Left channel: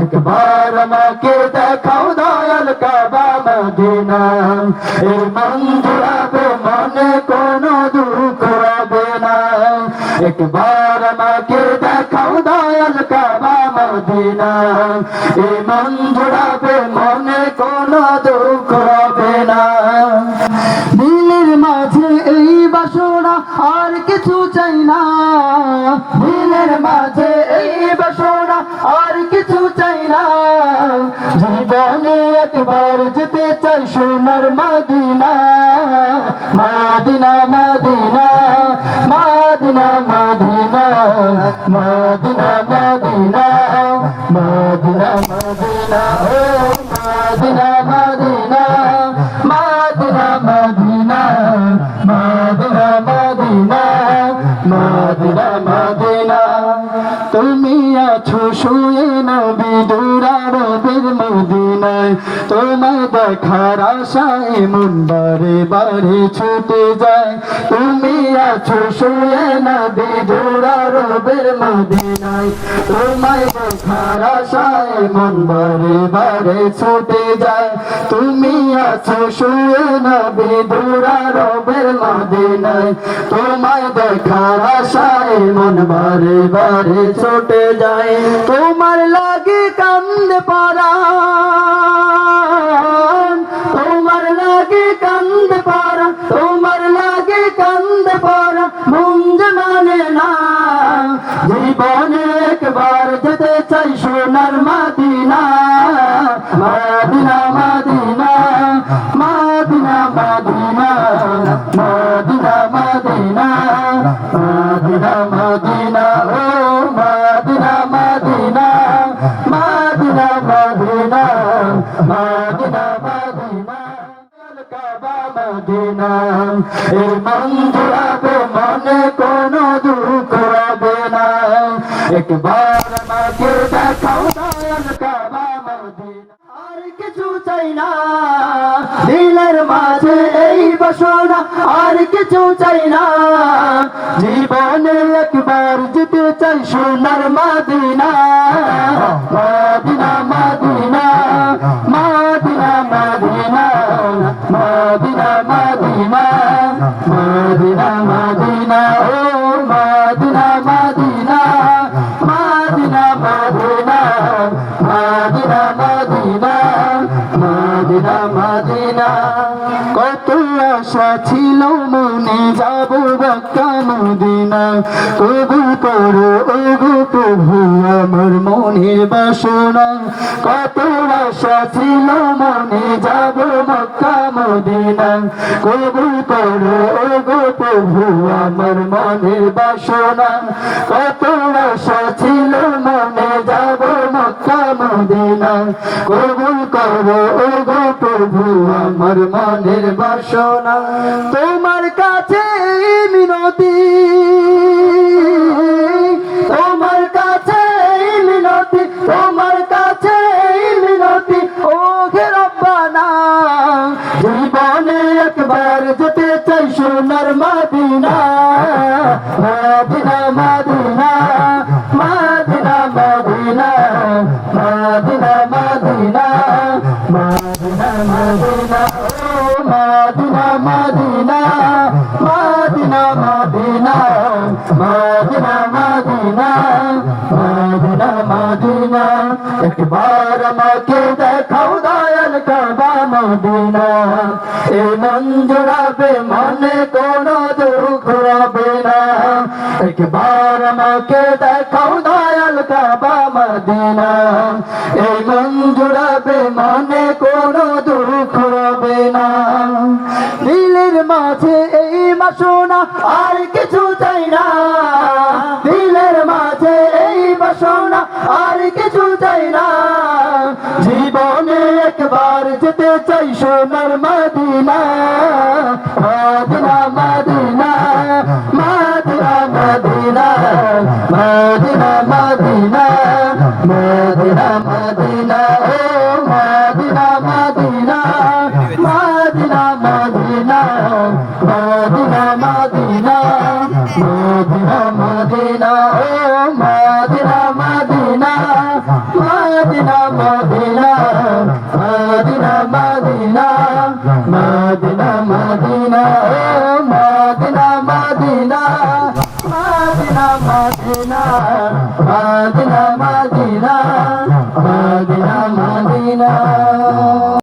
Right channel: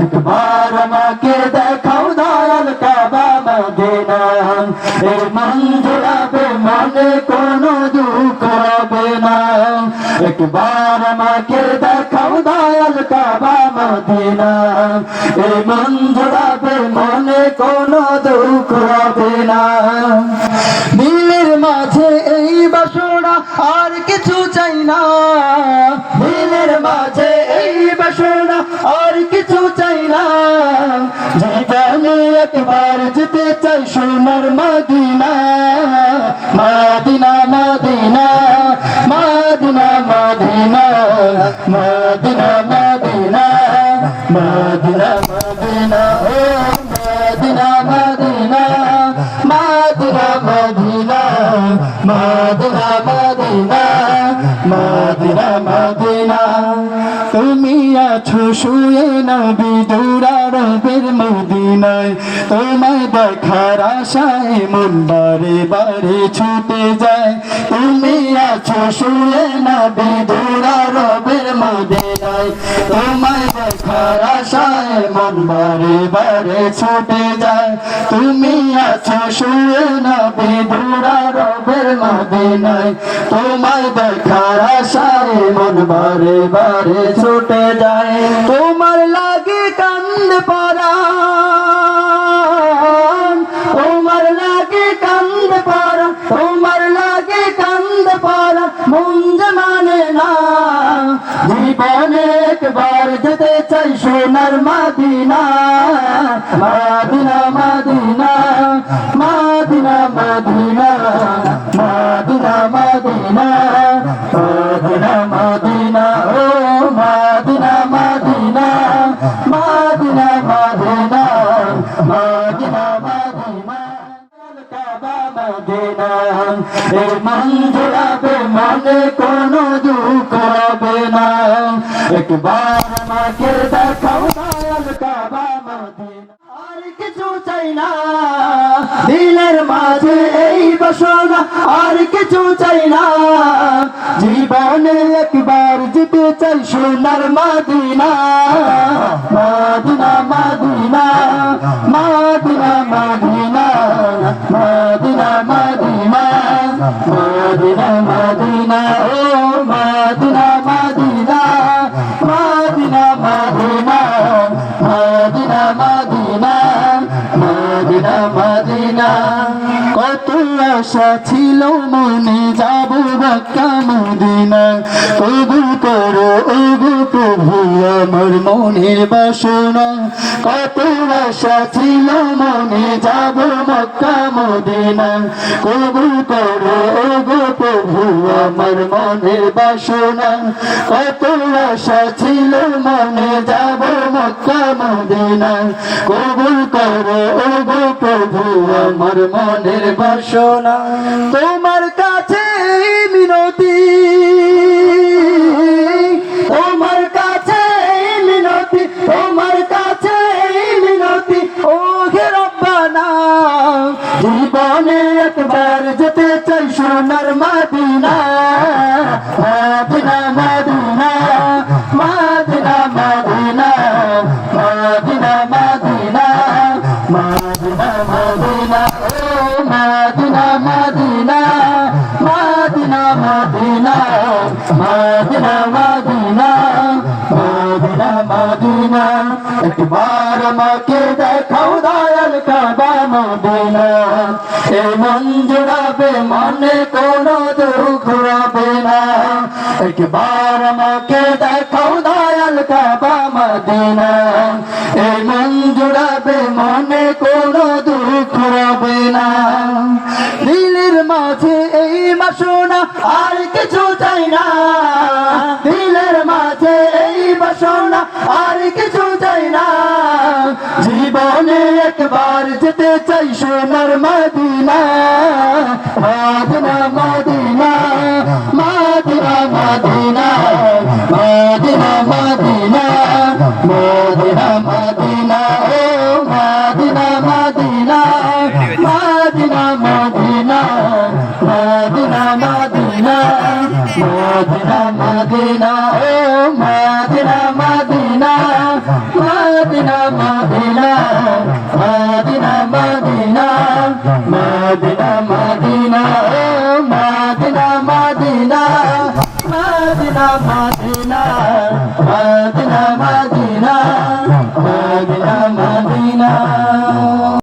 একবার আমাকে দেখাও দয়াল কাবা মদিনা এই মন জুড়াবে মনে কোনো দুঃখ হবে না একবার আমাকে দেখাও দয়াল কাবা মদিনা এই মন জুড়াবে মনে কোনো দুঃখ হবে না দিলের মাঝে এই বাসনা আর কিছু চাই না দিলের মাঝে এই বাসনা আর কিছু চাই না জীবনে একবার যেতে চাই সোনার Medina Medina Medina Medina Medina Medina Medina Medina Medina ও Medina Medina Medina Medina Medina Medina Medina Medina তুমি আছো শুয়ে নবী দুরারবির মদিনায় তোমায় দেখার আশায় মন বারে বারে ছুটে যায় তুমি আছো শুয়ে নবী দুরারবির মদিনায় তোমায় দেখার আশায় মন বারে বারে ছুটে যায় তুমি আছো শুয়ে নবী দুরারবির মদিনায় তোমায় দেখার আশায় মন বারে বারে ছুটে যায় তোমার লাগে কান্দে পরাণ তোমার লাগে কান্দে পরাণ তোমার লাগে কান্দে পরাণ মন মানে না জীবনে একবার যেতে চাই সোনার Medina Medina Medina Medina Medina Medina Medina Medina Medina ও Medina Medina Medina Medina Medina Medina Kaaba Medina এই মন জুড়াবে মনে কোনো দুঃখ হবে না একবার আমাকে দেখাও দয়াল কাবা মদিনা আর কিছু চাই না দিলের মাঝে এই বাসনা আর কিছু চাই না জীবনে একবার যেতে চাই সোনার Medina Medina Medina Medina Medina Medina Medina Medina Medina ও Medina Medina Medina Medina Medina Medina Medina Medina কত আশা ছিল মনে যাব মক্কা মদিনা কবুল করো ওগো প্রভু আমার মনের বাসনা কত আশা ছিল মনে যাব মক্কা মদিনা কবুল করো ওগো প্রভু আমার মনের বাসনা কত আশা ছিল মনে যাব মক্কা মদিনা কবুল করো ওগো প্রভু আমার মনের বাসনা তোমার কাছে মিনতি তোমার কাছে মিনতি তোমার কাছে মিনতি ও হে রব্বানা জীবনে একবার যেতে চাই সোনার Medina Medina Medina Medina Medina Medina Medina Medina Medina Medina Medina Medina Medina Medina Medina Medina Medina একবার আমাকে দেখাও দয়াল কাবা মদিনা এই মন জুড়াবে মনে কোনো দুঃখ হবে না একবার আমাকে দেখাও দয়াল কাবা মদিনা এই মন জুড়াবে মনে কোনো দুঃখ হবে না দিলের মাঝে এই বাসনা আর কিছু চাই না দিলের মাঝে এই বাসনা আর কিছু চাই না জীবনে একবার যেতে চাই সোনার Medina Medina Medina Medina Medina Medina Medina Medina Medina ও Medina Medina Medina Medina Medina Medina Medina Medina ও Medina Medina Medina Medina Medina Medina Medina Medina Medina Medina Medina Medina Medina Medina Medina Medina